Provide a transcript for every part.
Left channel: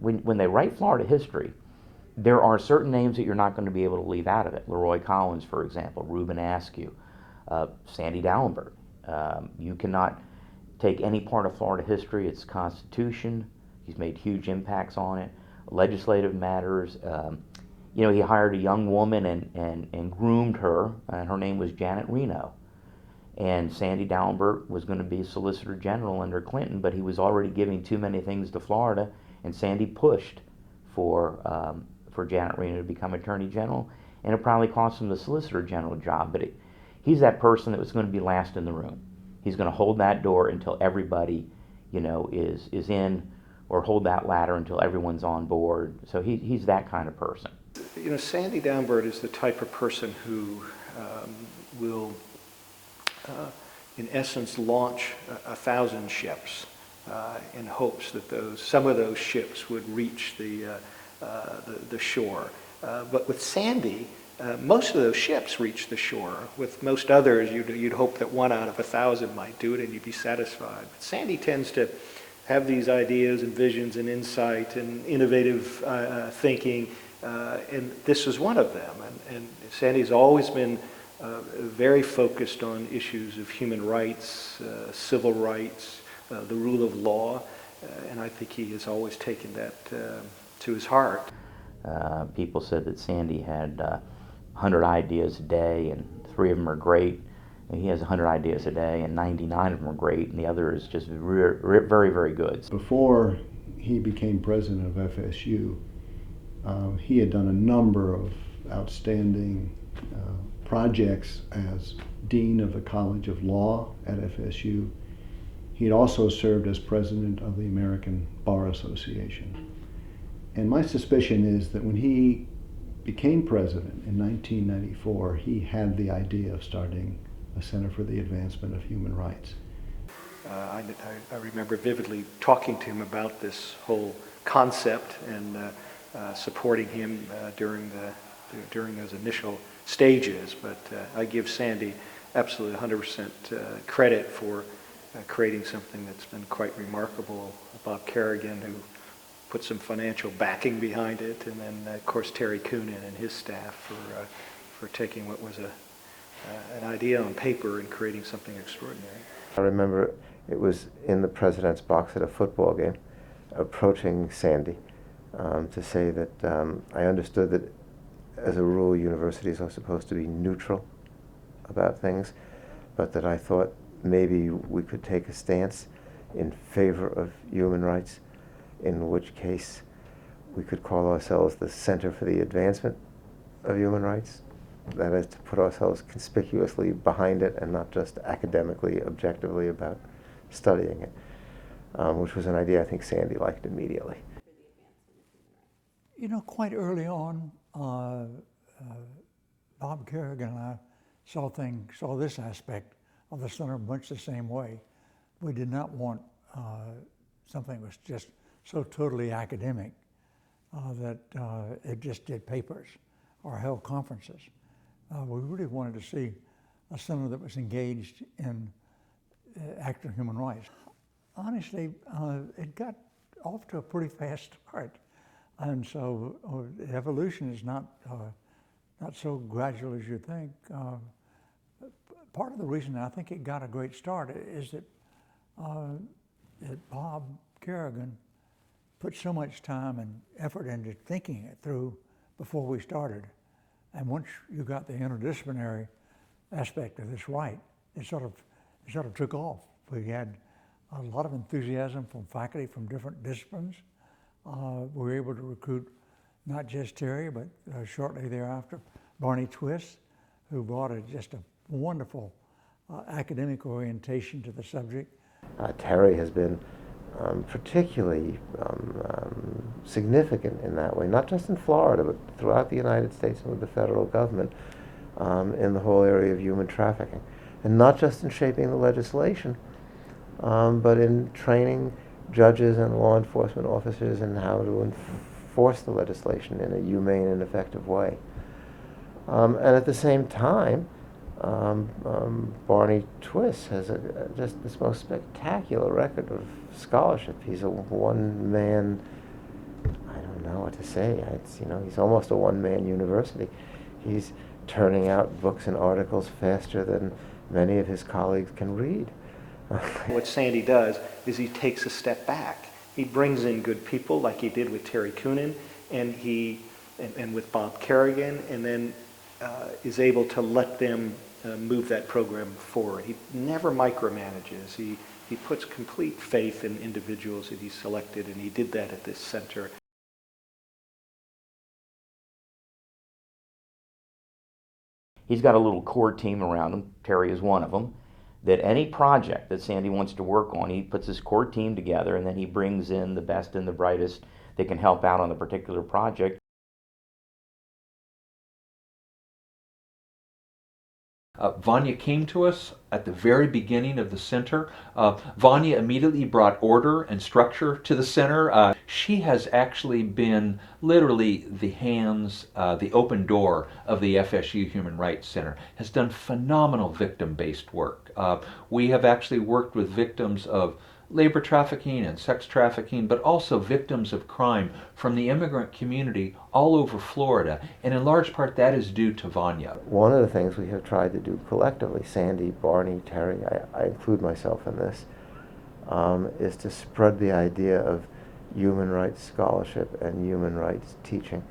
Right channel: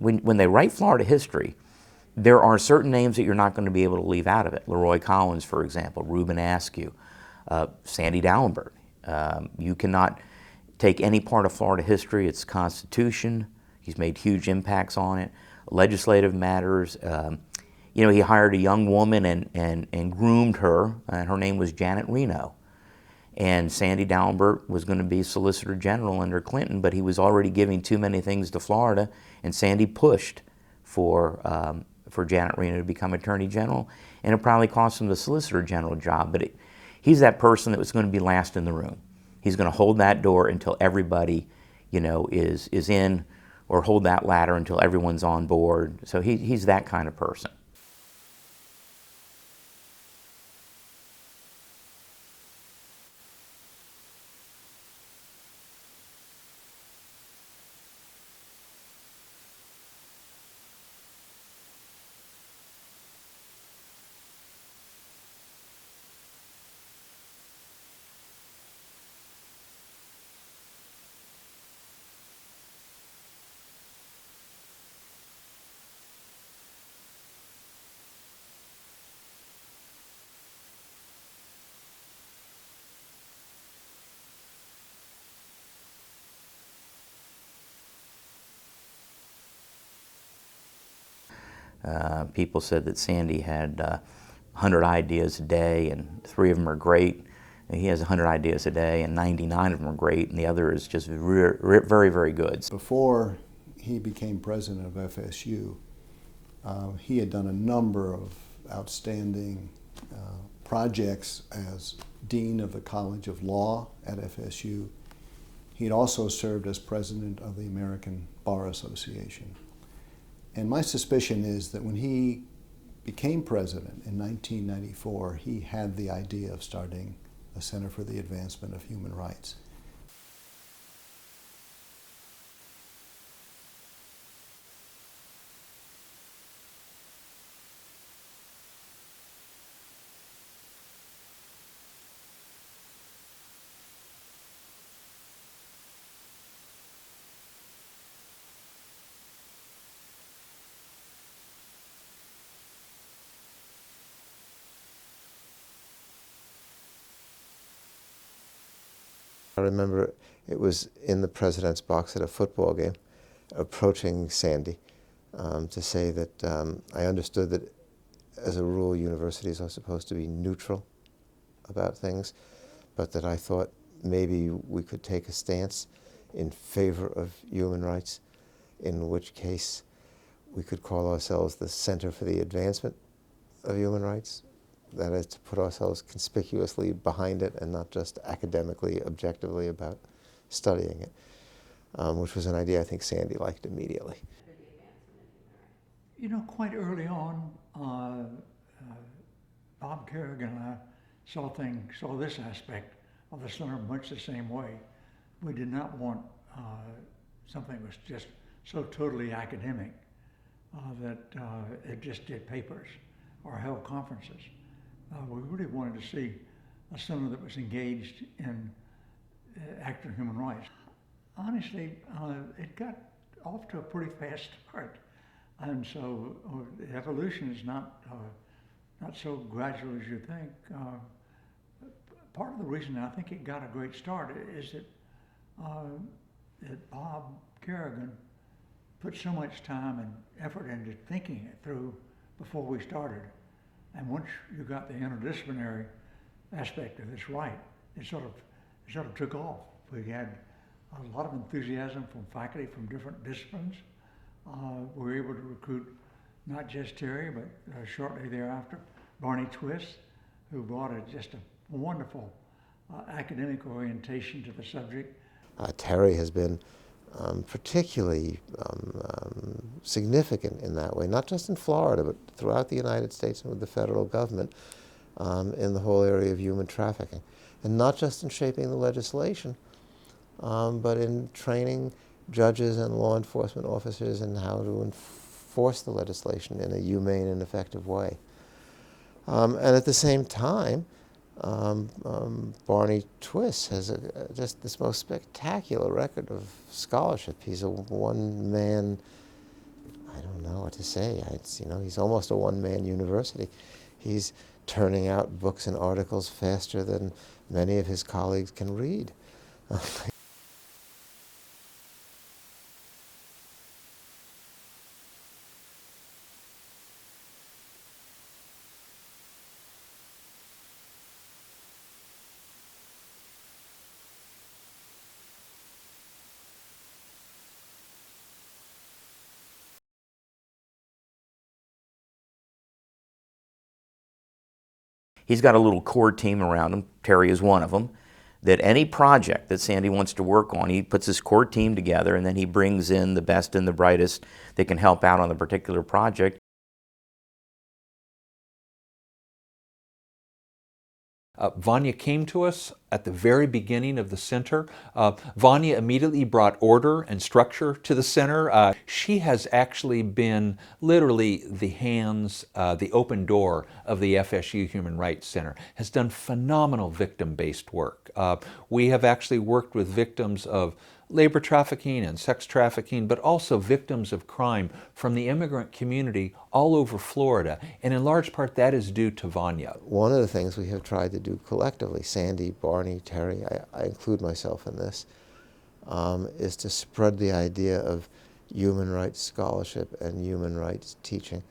when they write Florida history, there are certain names that you're not going to be able to leave out of it. Leroy Collins, for example, Reuben Askew, Sandy Dallenberg. You cannot take any part of Florida history, its constitution. He's made huge impacts on it, legislative matters. You know, he hired a young woman and groomed her, and her name was Janet Reno. And Sandy Dallenberg was going to be Solicitor General under Clinton, but he was already giving too many things to Florida, and Sandy pushed for Janet Reno to become Attorney General, and it probably cost him the Solicitor General job, but he's that person that was going to be last in the room. He's going to hold that door until everybody, you know, is in, or hold that ladder until everyone's on board. So he's that kind of person. You know, Sandy Dallenberg is the type of person who will, in essence, launch 1,000 ships in hopes that some of those ships would reach the shore. But with Sandy, most of those ships reach the shore. With most others, you'd hope that 1 out of 1,000 might do it and you'd be satisfied. But Sandy tends to have these ideas and visions and insight and innovative thinking, and this is one of them. And Sandy's always been very focused on issues of human rights, civil rights, the rule of law, and I think he has always taken that to his heart. People said that Sandy had 100 ideas a day, and 3 of them are great. And he has 100 ideas a day, and 99 of them are great, and the other is just very, very good. Before he became president of FSU, he had done a number of outstanding projects as Dean of the College of Law at FSU. He had also served as president of the American Bar Association. And my suspicion is that when he became president in 1994, he had the idea of starting a Center for the Advancement of Human Rights. I remember vividly talking to him about this whole concept and supporting him during those initial stages. But I give Sandy absolutely 100% credit for creating something that's been quite remarkable. Bob Kerrigan, who put some financial backing behind it, and then of course Terry Coonan and his staff for taking what was an idea on paper and creating something extraordinary. I remember it was in the president's box at a football game, approaching Sandy to say that I understood that as a rule universities are supposed to be neutral about things, but that I thought maybe we could take a stance in favor of human rights, in which case we could call ourselves the Center for the Advancement of Human Rights. That is, to put ourselves conspicuously behind it and not just academically, objectively about studying it, which was an idea I think Sandy liked immediately. You know, quite early on, Bob Kerrigan and I saw this aspect of the center much the same way. We did not want something that was just so totally academic that it just did papers or held conferences. We really wanted to see a center that was engaged in actual human rights. Honestly, it got off to a pretty fast start, and so the evolution is not so gradual as you think. Part of the reason I think it got a great start is that Bob Kerrigan put so much time and effort into thinking it through before we started. And once you got the interdisciplinary aspect of this right, it sort of took off. We had a lot of enthusiasm from faculty from different disciplines. We were able to recruit not just Terry, but shortly thereafter, Barney Twist, who brought just a wonderful academic orientation to the subject. Terry has been particularly significant in that way, not just in Florida, but throughout the United States and with the federal government in the whole area of human trafficking. And not just in shaping the legislation, but in training judges and law enforcement officers in how to enforce the legislation in a humane and effective way. And at the same time, Barney Twist has just this most spectacular record of scholarship. He's a one-man know what to say. It's, you know, he's almost a one-man university. He's turning out books and articles faster than many of his colleagues can read. What Sandy does is he takes a step back. He brings in good people like he did with Terry Coonan and with Bob Kerrigan, and then is able to let them move that program forward. He never micromanages. He puts complete faith in individuals that he's selected, and he did that at this center. He's got a little core team around him, Terry is one of them, that any project that Sandy wants to work on, he puts his core team together and then he brings in the best and the brightest that can help out on the particular project. Vanya came to us at the very beginning of the center. Vanya immediately brought order and structure to the center. She has actually been literally the hands, the open door of the FSU Human Rights Center, has done phenomenal victim-based work. We have actually worked with victims of labor trafficking and sex trafficking, but also victims of crime from the immigrant community all over Florida, and in large part that is due to Vanya. One of the things we have tried to do collectively, Sandy, Barney, Terry, I include myself in this, is to spread the idea of human rights scholarship and human rights teaching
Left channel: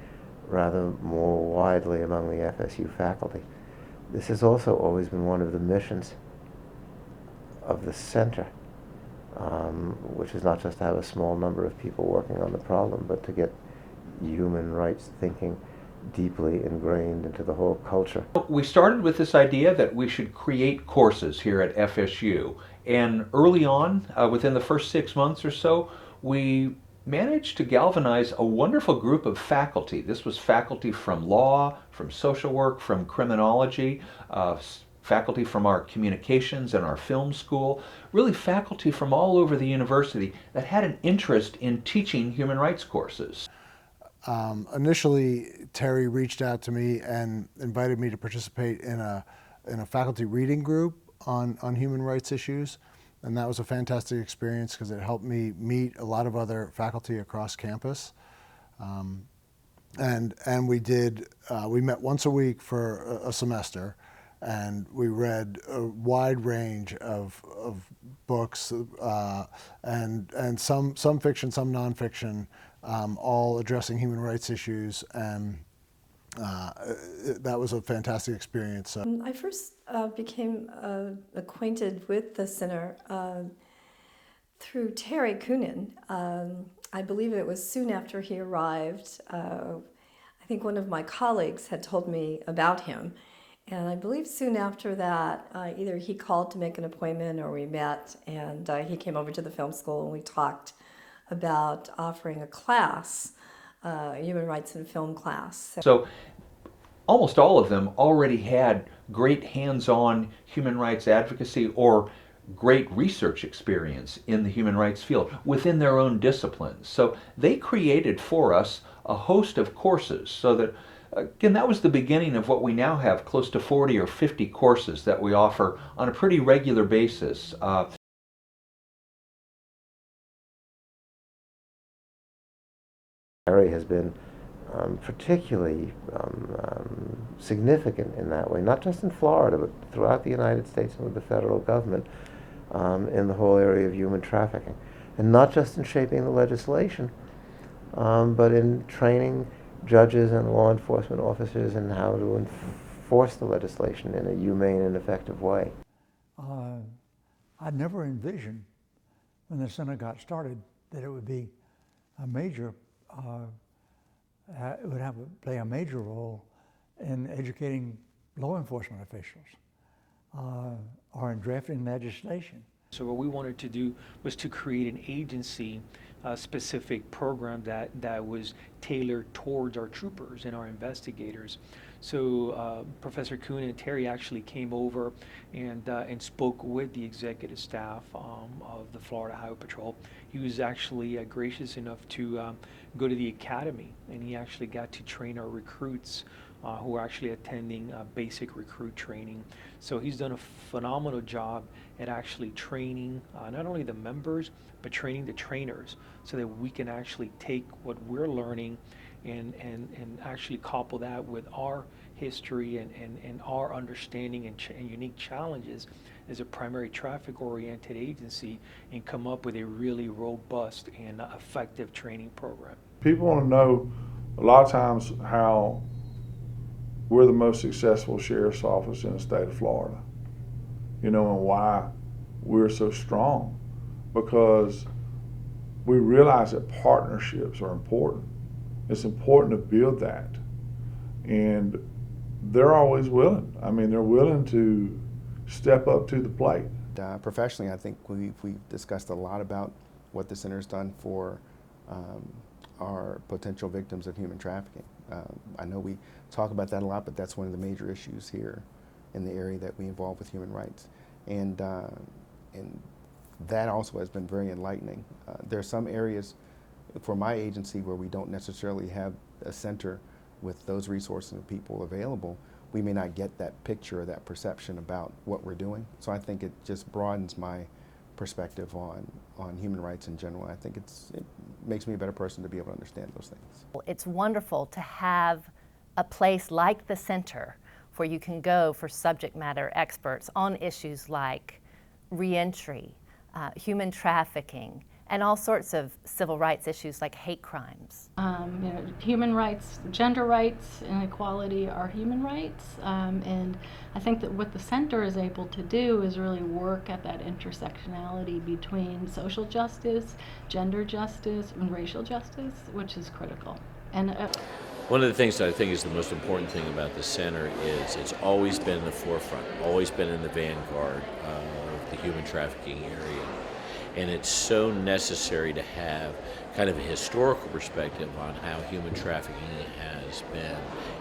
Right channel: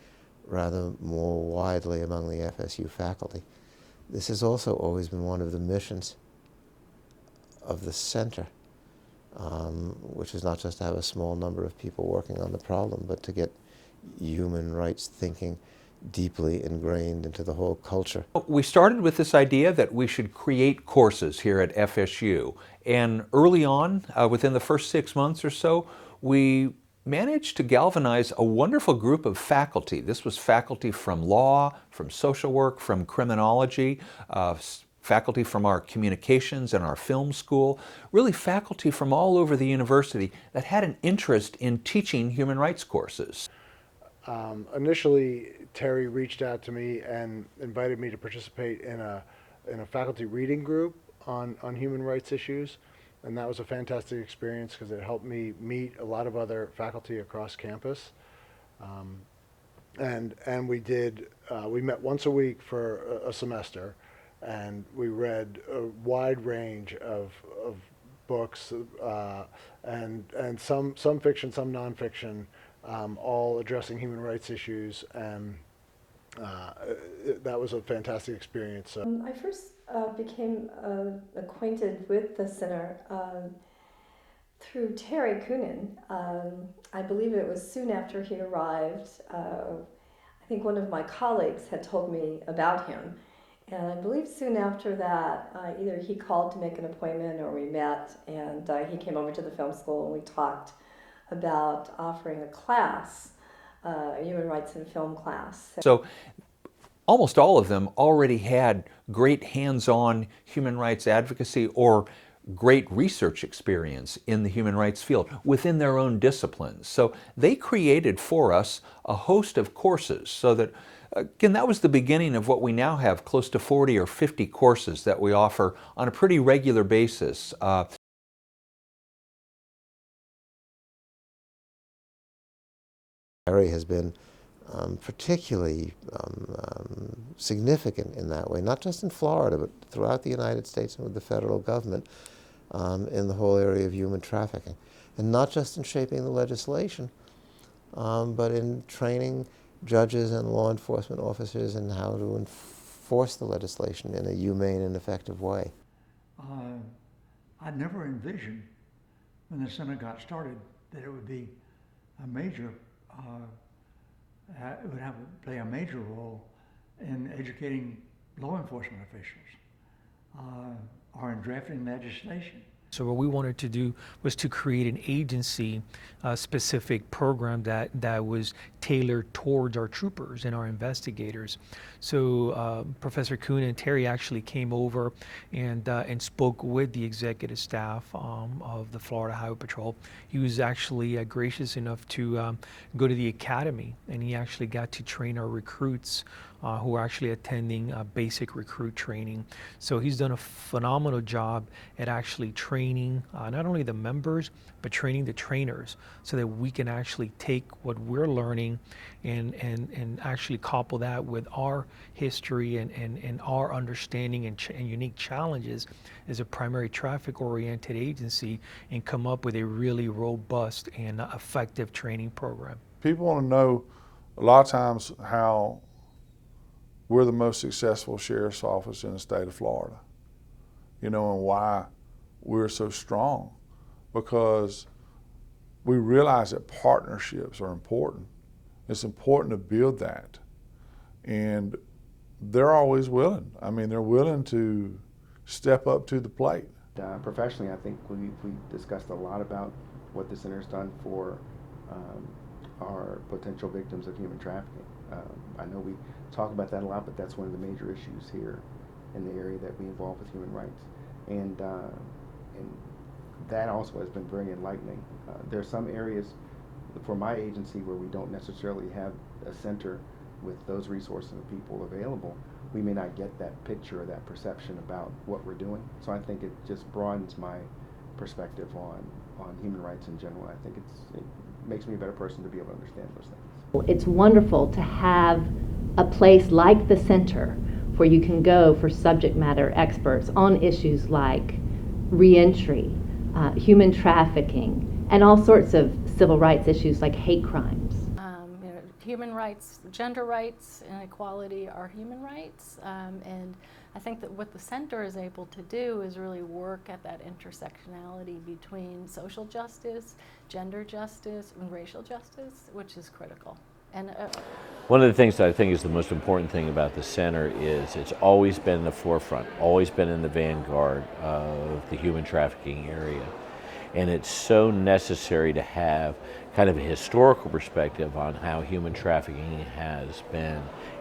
rather more widely among the FSU faculty. This has also always been one of the missions of the center. Which is not just to have a small number of people working on the problem, but to get human rights thinking deeply ingrained into the whole culture. We started with this idea that we should create courses here at FSU, and early on, within the first 6 months or so, we managed to galvanize a wonderful group of faculty. This was faculty from law, from social work, from criminology, faculty from our communications and our film school, really faculty from all over the university that had an interest in teaching human rights courses. Initially, Terry reached out to me and invited me to participate in a faculty reading group on human rights issues, and that was a fantastic experience because it helped me meet a lot of other faculty across campus. And we met once a week for a semester, and we read a wide range of books, and some fiction, some nonfiction, all addressing human rights issues, and that was a fantastic experience. I first became acquainted with the center through Terry Coonan. I believe it was soon after he arrived. I think one of my colleagues had told me about him. And I believe soon after that, either he called to make an appointment or we met, and he came over to the film school and we talked about offering a class, human rights and film class. So almost all of them already had great hands-on human rights advocacy or great research experience in the human rights field within their own disciplines. So they created for us a host of courses so that, again, that was the beginning of what we now have, close to 40 or 50 courses that we offer on a pretty regular basis. Terry has been particularly significant in that way, not just in Florida, but throughout the United States and with the federal government in the whole area of human trafficking. And not just in shaping the legislation, but in training judges and law enforcement officers in how to enforce the legislation in a humane and effective way. I never envisioned when the center got started that it would be a major, it would have to play a major role in educating law enforcement officials or in drafting legislation. So what we wanted to do was to create an agency specific program that was tailored towards our troopers and our investigators. So Professor Kuhn and Terry actually came over and spoke with the executive staff of the Florida Highway Patrol. He was actually gracious enough to go to the academy, and he actually got to train our recruits who are actually attending basic recruit training. So he's done a phenomenal job at actually training not only the members, but training the trainers so that we can actually take what we're learning and actually couple that with our history and our understanding and unique challenges as a primary traffic-oriented agency and come up with a really robust and effective training program. People want to know a lot of times how we're the most successful sheriff's office in the state of Florida, and why we're so strong, because we realize that partnerships are important. It's important to build that, and they're always willing. I mean, they're willing to step up to the plate. Professionally, I think we've discussed a lot about what the center's done for our potential victims of human trafficking. I know we talk about that a lot, but that's one of the major issues here in the area that we involve with human rights. And that also has been very enlightening. There are some areas for my agency where we don't necessarily have a center with those resources and people available. We may not get that picture or that perception about what we're doing. So I think it just broadens my perspective on human rights in general. I think it makes me a better person to be able to understand those things. It's wonderful to have a place like the center where you can go for subject matter experts on issues like reentry, human trafficking, and all sorts of civil rights issues like hate crimes. Human rights, gender rights, and equality are human rights, and I think that what the center is able to do is really work at that intersectionality between social justice, gender justice, and racial justice, which is critical. And one of the things that I think is the most important thing about the center is it's always been in the forefront, always been in the vanguard of the human trafficking area. And it's so necessary to have kind of a historical perspective on how human trafficking has been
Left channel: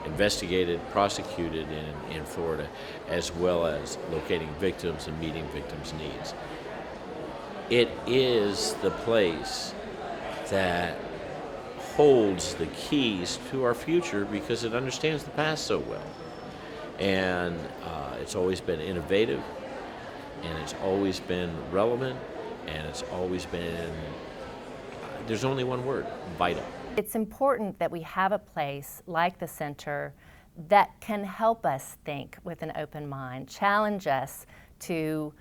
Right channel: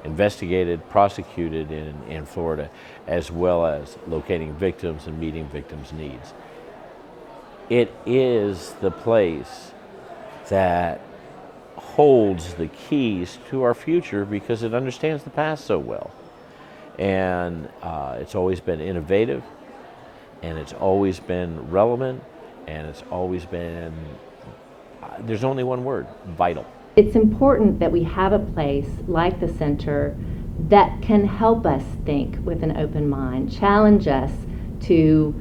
investigated, prosecuted in Florida, as well as locating victims and meeting victims' needs. It is the place that holds the keys to our future because it understands the past so well. And it's always been innovative, and it's always been relevant, and it's always been, there's only one word, vital. It's important that we have a place like the center that can help us think with an open mind, challenge us to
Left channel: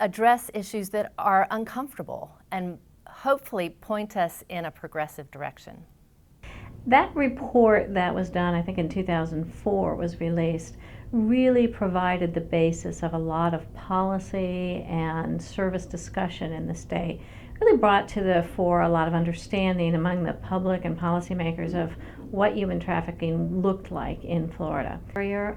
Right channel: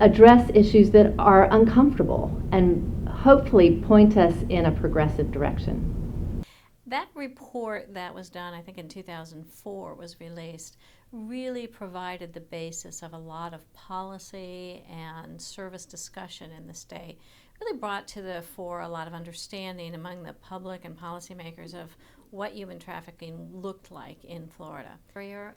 address issues that are uncomfortable, and hopefully point us in a progressive direction. That report that was done, I think in 2004, was released, really provided the basis of a lot of policy and service discussion in the state. Really brought to the fore a lot of understanding among the public and policymakers of what human trafficking looked like in Florida.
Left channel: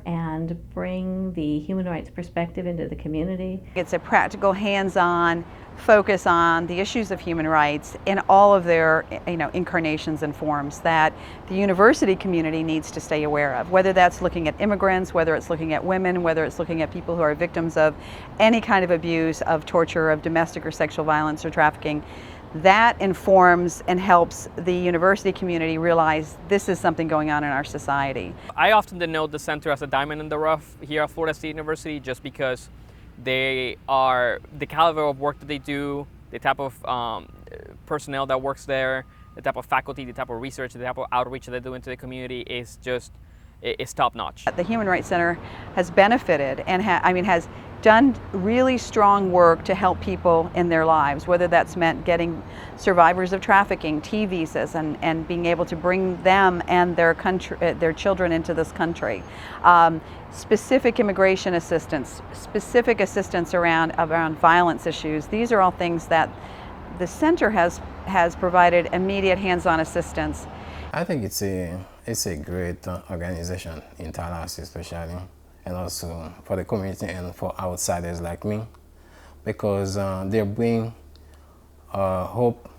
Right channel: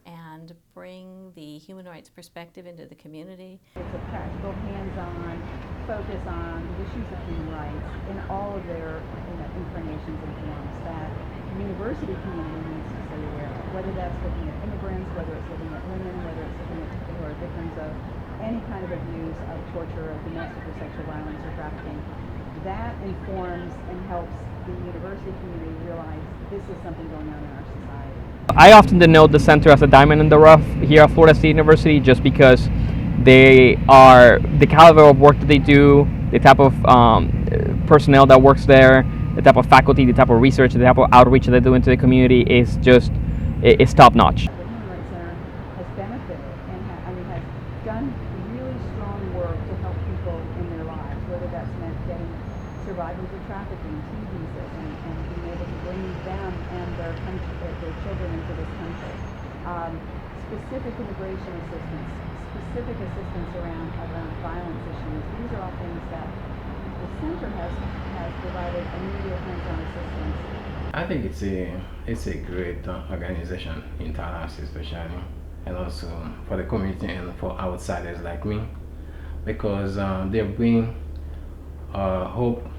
And bring the human rights perspective into the community. It's a practical, hands-on focus on the issues of human rights in all of their incarnations and forms that the university community needs to stay aware of, whether that's looking at immigrants, whether it's looking at women, whether it's looking at people who are victims of any kind of abuse, of torture, of domestic or sexual violence or trafficking. That informs and helps the university community realize this is something going on in our society. I often denote the center as a diamond in the rough here at Florida State University just because they are, the caliber of work that they do, the type of personnel that works there, the type of faculty, the type of research, the type of outreach that they do into the community is just, it's top notch. The Human Rights Center has benefited and has done really strong work to help people in their lives, whether that's meant getting survivors of trafficking T visas and being able to bring them and their children into this country. Specific immigration assistance, specific assistance around violence issues. These are all things that the center has provided immediate hands-on assistance. I think it's a great organization in Tallahassee especially, and also for the community and for outsiders like me, because they bring hope,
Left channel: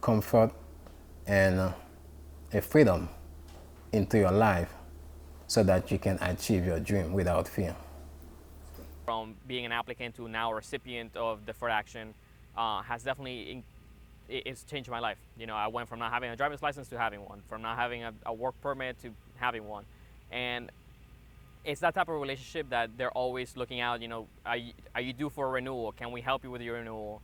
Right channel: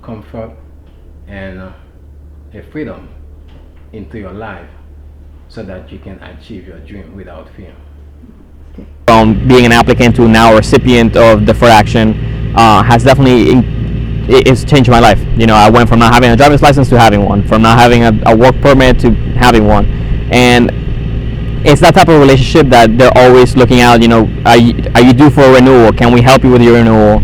comfort, and a freedom into your life so that you can achieve your dream without fear. From being an applicant to now a recipient of deferred action has definitely it's changed my life. I went from not having a driver's license to having one, from not having a work permit to having one. And it's that type of relationship that they're always looking out, are you due for a renewal? Can we help you with your renewal?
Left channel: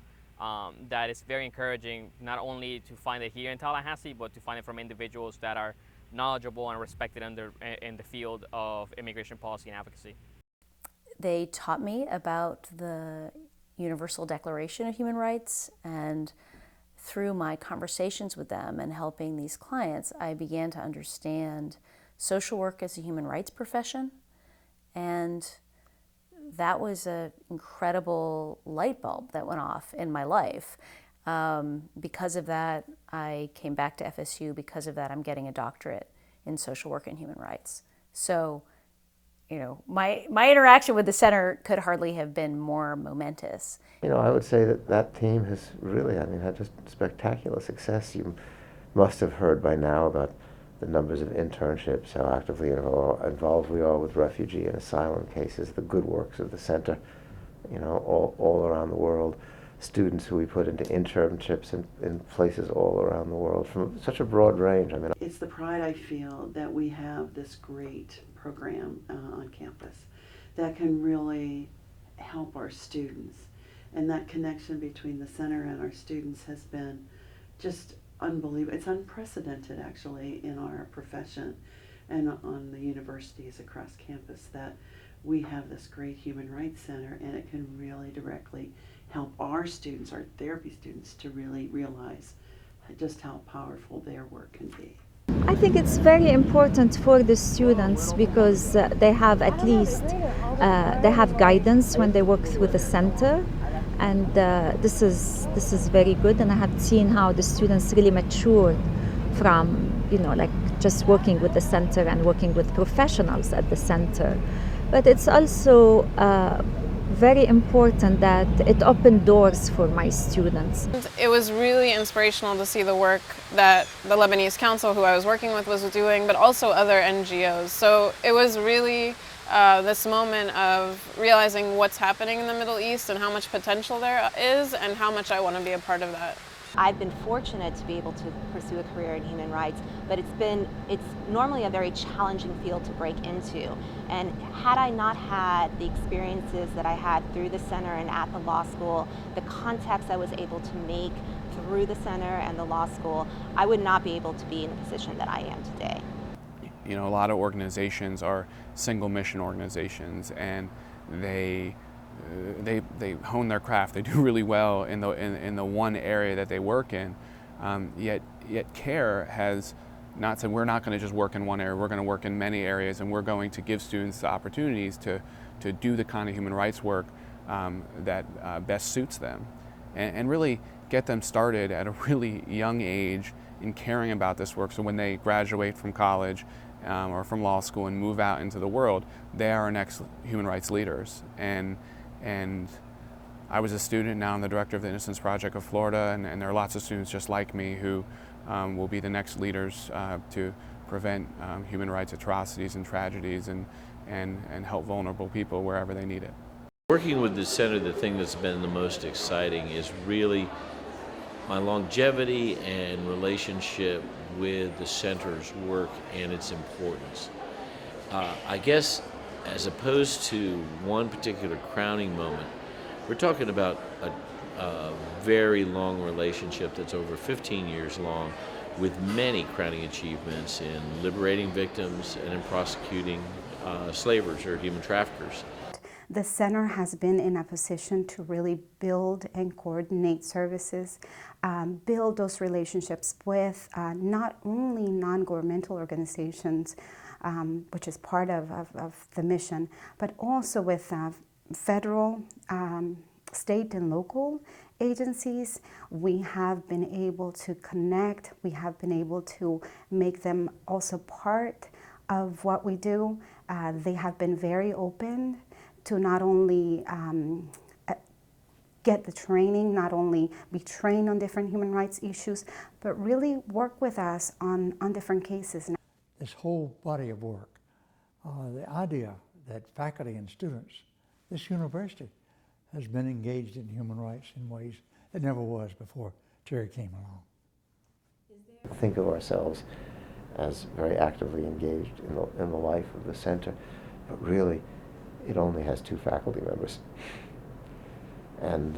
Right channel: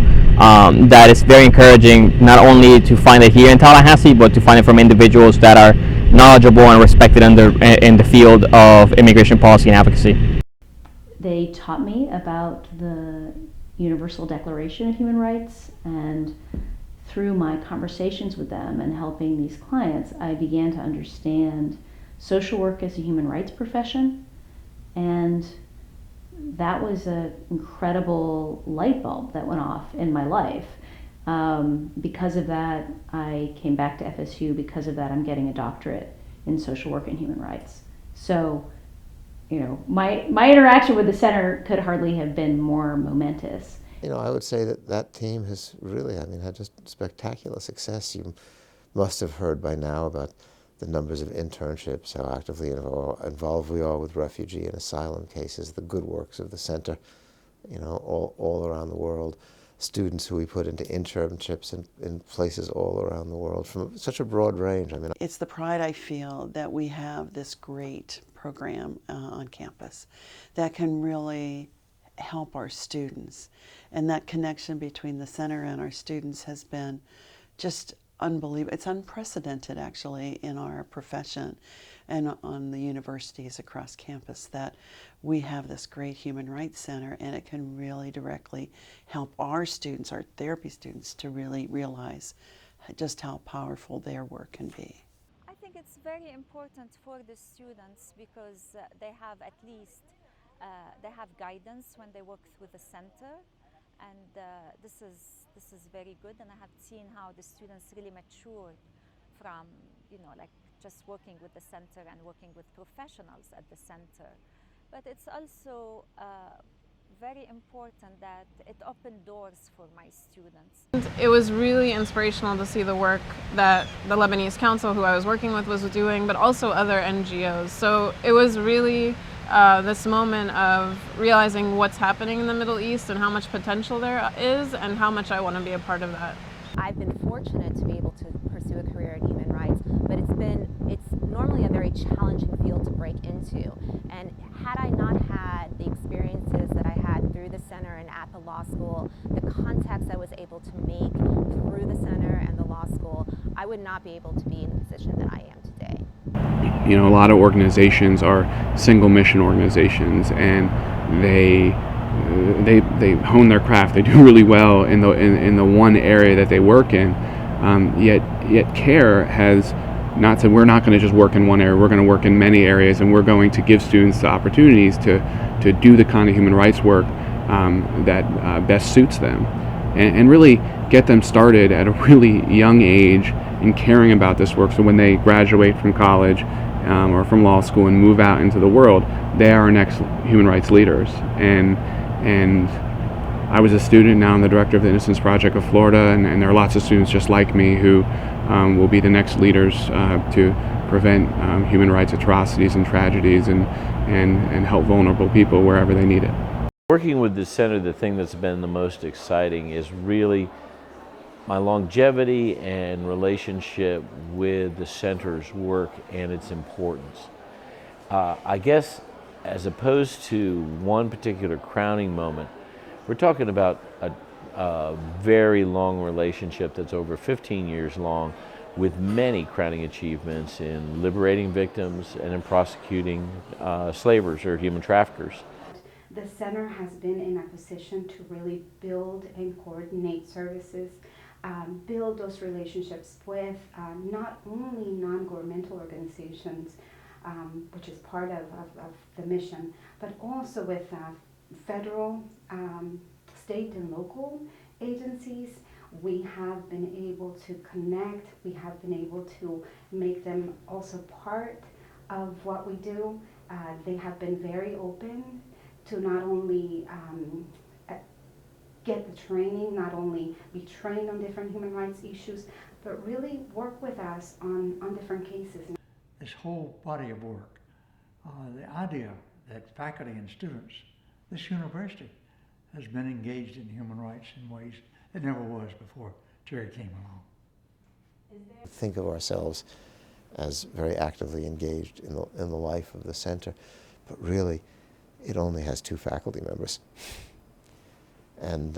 That is very encouraging, not only to find it here in Tallahassee, but to find it from individuals that are knowledgeable and respected in the field of immigration policy and advocacy. They taught me about the Universal Declaration of Human Rights, and through my conversations with them and helping these clients, I began to understand social work as a human rights profession, and that was an incredible light bulb that went off in my life. Because of that, I came back to FSU. Because of that, I'm getting a doctorate in social work and human rights. So, my interaction with the center could hardly have been more momentous. I would say that team has really, had just spectacular success. You must have heard by now about the numbers of internships, how actively involved we are with refugee and asylum cases, the good works of the center, all around the world, students who we put into internships in places all around the world from such a broad range. It's the pride I feel that we have this great program on campus that can really help our students. And that connection between the center and our students has been just unbelievable. It's unprecedented, actually, in our profession and on the universities across campus, that we have this great human rights center, and it can really directly help our students, our therapy students, to really realize just how powerful their work can be. I think it's very important for the students because they have at least they have guidance when they work with the center. And this is very good, and I have seen how the students really matured from, like just working with the center and working with professionals at the center. But it's also very important that it opened doors for my students. It was really inspirational to see the work that the Lebanese Council, who I was working with, was doing, but also other NGOs. So it was really this moment of realizing what's happening in the Middle East and how much potential there is and how much I want to be a part of that. I've been fortunate to be able to pursue a career in human rights, but it's normally a very challenging field to break into. And had I not had the experiences that I had through the center and at the law school, the contacts I was able to make through the center and the law school, I would not be able to be in the position that I am today. A lot of organizations are single mission organizations, and they hone their craft. They do really well in the one area that they work in. Yet CARE has not said we're not going to just work in one area. We're going to work in many areas, and we're going to give students the opportunities to do the kind of human rights work that best suits them, and really get them started at a really young age in caring about this work. So when they graduate from college or from law school and move out into the world, they are our next human rights leaders. And I was a student, now I'm the director of the Innocence Project of Florida, and there are lots of students just like me who will be the next leaders to prevent human rights atrocities and tragedies and help vulnerable people wherever they need it. Working with the center, the thing that's been the most exciting is really my longevity and relationship with the center's work and its importance. I guess as opposed to one particular crowning moment, we're talking about a very long relationship that's over 15 years long, with many crowning achievements in liberating victims and in prosecuting slavers or human traffickers. The center has been in a position to really build and coordinate services, build those relationships with not only non-governmental organizations, which is part of the mission, but also with federal, state and local agencies. We have been able to connect, we have been able to make them also part of what we do. They have been very open to not only get the training, not only be trained on different human rights issues, but really work with us on different cases. This whole body of work, the idea that faculty and students, this university, has been engaged in human rights in ways it never was before Terry came along. Think of ourselves as very actively engaged in the life of the center, but really it only has 2 faculty members. And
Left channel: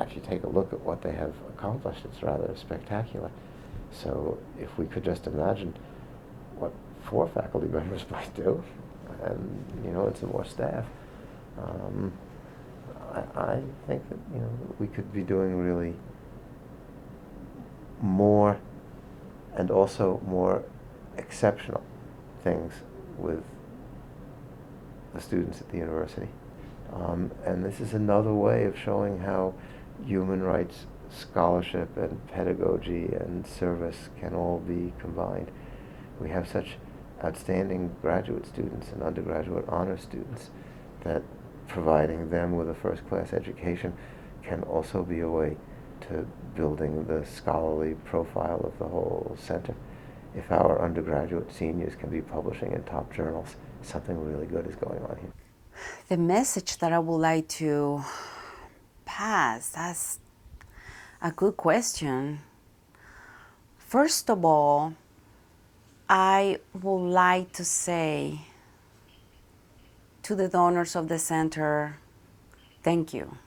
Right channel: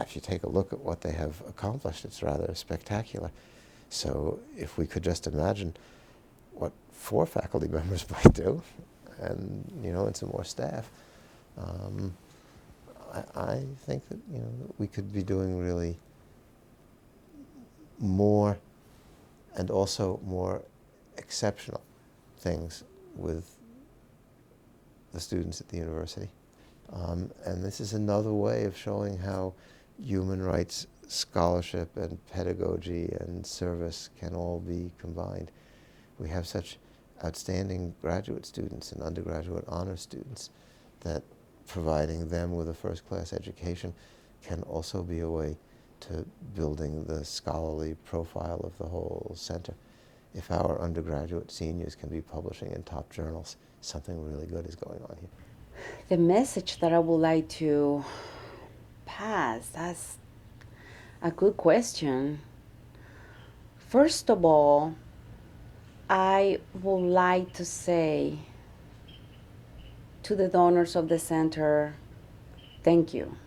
if you take a look at what they have accomplished, it's rather spectacular. So if we could just imagine what 4 faculty members might do, and and some more staff, I think that we could be doing really more and also more exceptional things with the students at the university. And this is another way of showing how human rights scholarship and pedagogy and service can all be combined. We have such outstanding graduate students and undergraduate honor students that providing them with a first-class education can also be a way to building the scholarly profile of the whole center. If our undergraduate seniors can be publishing in top journals, something really good is going on here. The message that I would like to pass, that's a good question. First of all, I would like to say to the donors of the center, thank you,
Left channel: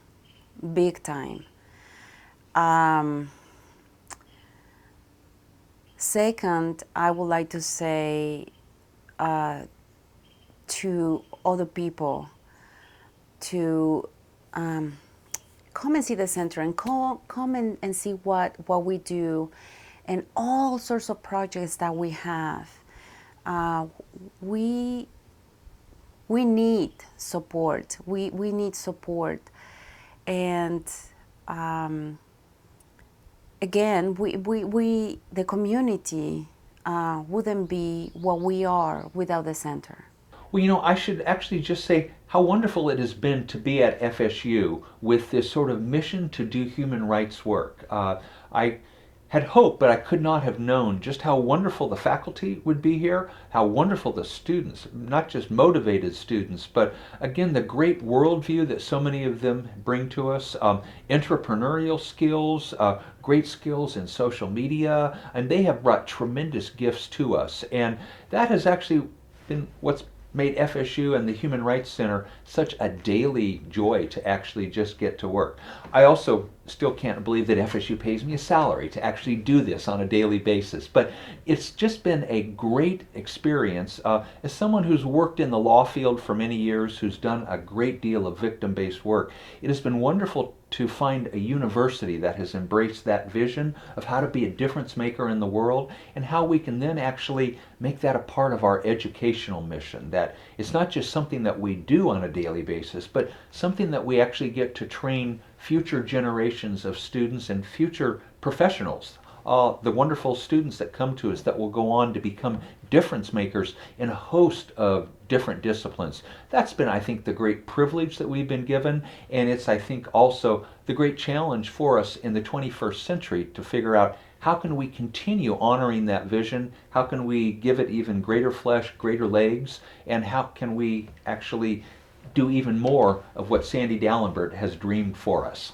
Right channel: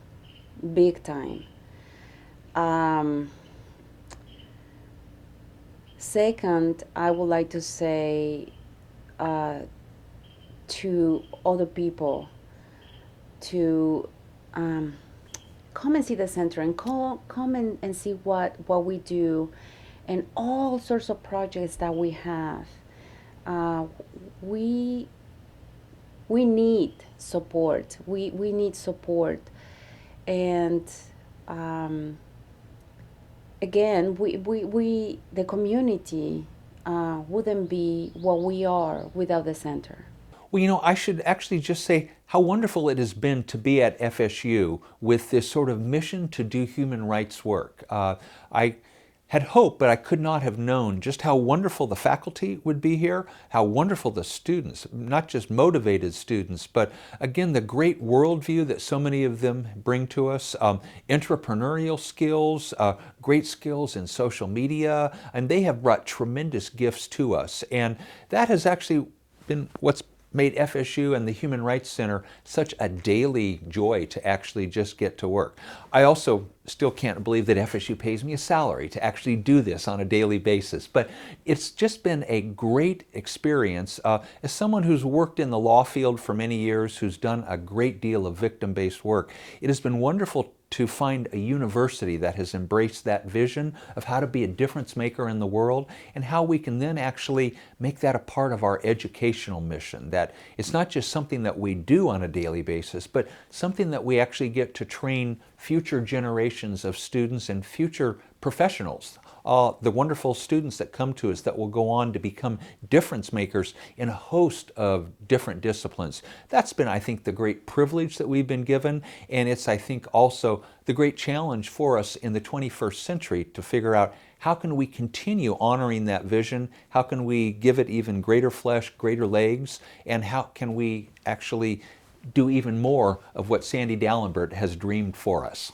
big time. Second, I would like to say to other people to come and see the center and come and see what we do and all sorts of projects that we have. We need support. We need support. And again, we the community wouldn't be what we are without the center. Well, I should actually just say how wonderful it has been to be at FSU with this sort of mission to do human rights work. I had hoped, but I could not have known just how wonderful the faculty would be here, how wonderful the students, not just motivated students, but again, the great worldview that so many of them bring to us, entrepreneurial skills, great skills in social media, and they have brought tremendous gifts to us. And that has actually been what's made FSU and the Human Rights Center such a daily joy to actually just get to work. I also still can't believe that FSU pays me a salary to actually do this on a daily basis, but it's just been a great experience. As someone who's worked in the law field for many years, who's done a great deal of victim-based work, it has been wonderful to find a university that has embraced that vision of how to be a difference maker in the world and how we can then actually make that a part of our educational mission. That it's not just something that we do on a daily basis, but something that we actually get to train future generations of students and future professionals. The wonderful students that come to us that will go on to become difference makers in a host of different disciplines. That's been, I think, the great privilege that we've been given, and it's, I think, also the great challenge for us in the 21st century to figure out how can we continue honoring that vision, how can we give it even greater flesh, greater legs, and how can we actually do even more of what Sandy Dallenbert has dreamed for us.